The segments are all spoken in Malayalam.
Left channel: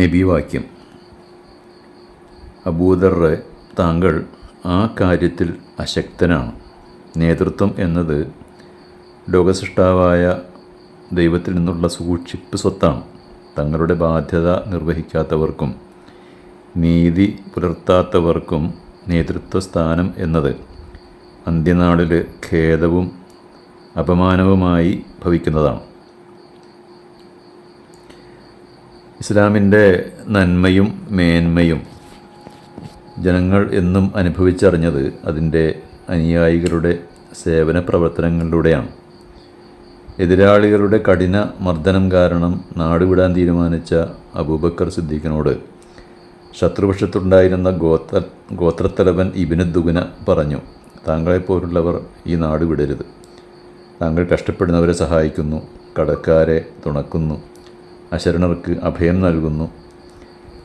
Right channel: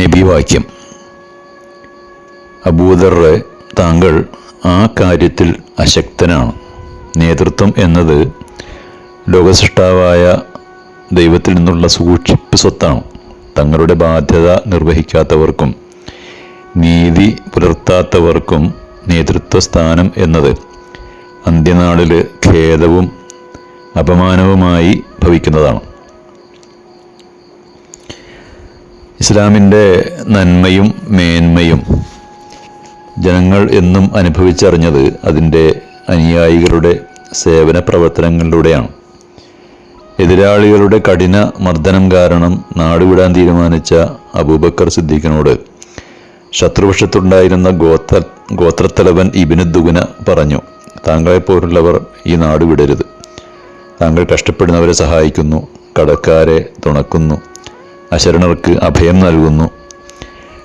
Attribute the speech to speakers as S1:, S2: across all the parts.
S1: നബിവാക്യം. അബൂദർ താങ്കൾ ആ കാര്യത്തിൽ അശക്തനാണ്. നേതൃത്വം എന്നത് ലോകസൃഷ്ടാവായ ദൈവത്തിൽ നിന്നുള്ള സൂക്ഷിപ്പ് സ്വത്താണ്. തങ്ങളുടെ ബാധ്യത നിർവഹിക്കാത്തവർക്കും നീതി പുലർത്താത്തവർക്കും നേതൃത്വ സ്ഥാനം എന്നത് അന്ത്യനാളിൽ ഖേദവും അപമാനവുമായി ഭവിക്കുന്നതാണ്. ഇസ്ലാമിന്റെ നന്മയും മേന്മയും ജനങ്ങൾ എന്നും അനുഭവിച്ചറിഞ്ഞത് അതിന്റെ അനുയായികളുടെ സേവന പ്രവർത്തനങ്ങളിലൂടെയാണ്. എതിരാളികളുടെ കഠിന മർദ്ദനം കാരണം നാടുവിടാൻ തീരുമാനിച്ച അബൂബക്കർ സിദ്ദീഖിനോട് ശത്രുപക്ഷത്തുണ്ടായിരുന്ന ഗോത്ര ഗോത്രത്തലവൻ ഇബിനുദ്ദുഗുന പറഞ്ഞു താങ്കളെപ്പോലുള്ളവർ ഈ നാട് വിടരുത്. താങ്കൾ കഷ്ടപ്പെടുന്നവരെ സഹായിക്കുന്നു കടക്കാരെ തുണക്കുന്നു. അശരണർക്ക് അഭയം നൽകുന്നു.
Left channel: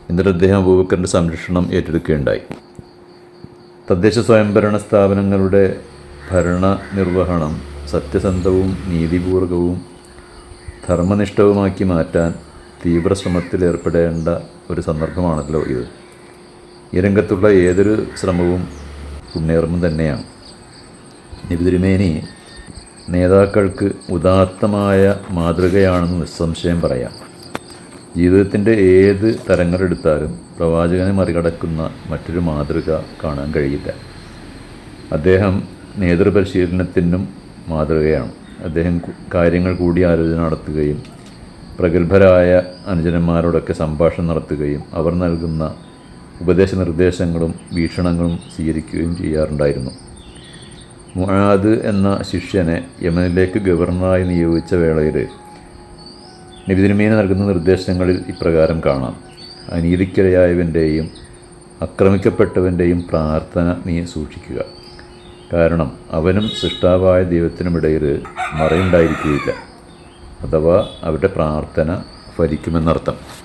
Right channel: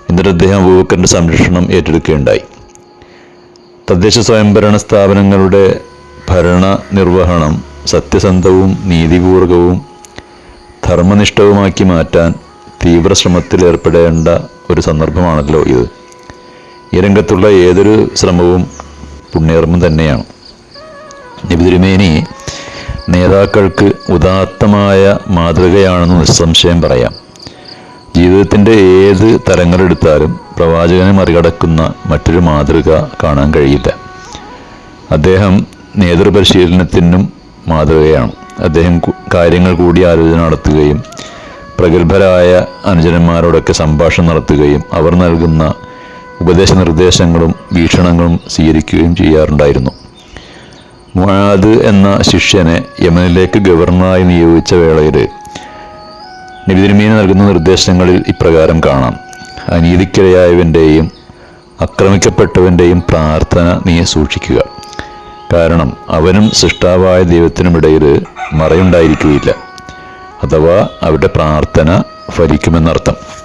S1: എന്നിട്ട് അദ്ദേഹം അബൂബക്കറിന്റെ സംരക്ഷണം ഏറ്റെടുക്കുകയുണ്ടായി. തദ്ദേശ സ്വയംഭരണ സ്ഥാപനങ്ങളുടെ ഭരണ നിർവഹണം സത്യസന്ധവും നീതിപൂർവകവും ധർമ്മനിഷ്ഠവുമാക്കി മാറ്റാൻ തീവ്ര ശ്രമത്തിൽ ഏർപ്പെടേണ്ട ഒരു സന്ദർഭമാണല്ലോ ഇത്. ഈ രംഗത്തുള്ള ഏതൊരു ശ്രമവും പുണ്യകർമ്മം തന്നെയാണ്. നിബിതിരുമേനി നേതാക്കൾക്ക് ഉദാത്തമായ മാതൃകയാണെന്ന് നിസ്സംശയം പറയാം. ജീവിതത്തിന്റെ ഏത് തരങ്ങളെടുത്താലും പ്രവാചകനെ മറികടക്കുന്ന മറ്റൊരു മാതൃക കാണാൻ കഴിയില്ല. അദ്ദേഹം നേതൃപരിശീലനത്തിനും മാതൃകയാണ്. അദ്ദേഹം കാര്യങ്ങൾ കൂടി ആലോചന നടത്തുകയും പ്രഗത്ഭരായ അനുജന്മാരോടൊക്കെ സംഭാഷണം നടത്തുകയും അവർ നൽകുന്ന ഉപദേശ നിർദ്ദേശങ്ങളും വീക്ഷണങ്ങളും സ്വീകരിക്കുകയും ചെയ്യാറുണ്ടായിരുന്നു. മുആദ് എന്ന ശിഷ്യനെ യമനിലേക്ക് ഗവർണറായി നിയോഗിച്ച വേളയിൽ നബിതിരുമീന് നൽകുന്ന നിർദ്ദേശങ്ങളിൽ ഇപ്രകാരം കാണാം. അനീതിക്കിരയായവന്റെയും ആക്രമിക്കപ്പെട്ടവന്റെയും പ്രാർത്ഥന നീ സൂക്ഷിക്കുക. കാരണം അവനും സൃഷ്ടാവായ ദൈവത്തിനുമിടയിൽ മറയുണ്ടായിരിക്കുകയില്ല. അഥവാ അവരുടെ പ്രാർത്ഥന ഫലിക്കുമെന്നർത്ഥം.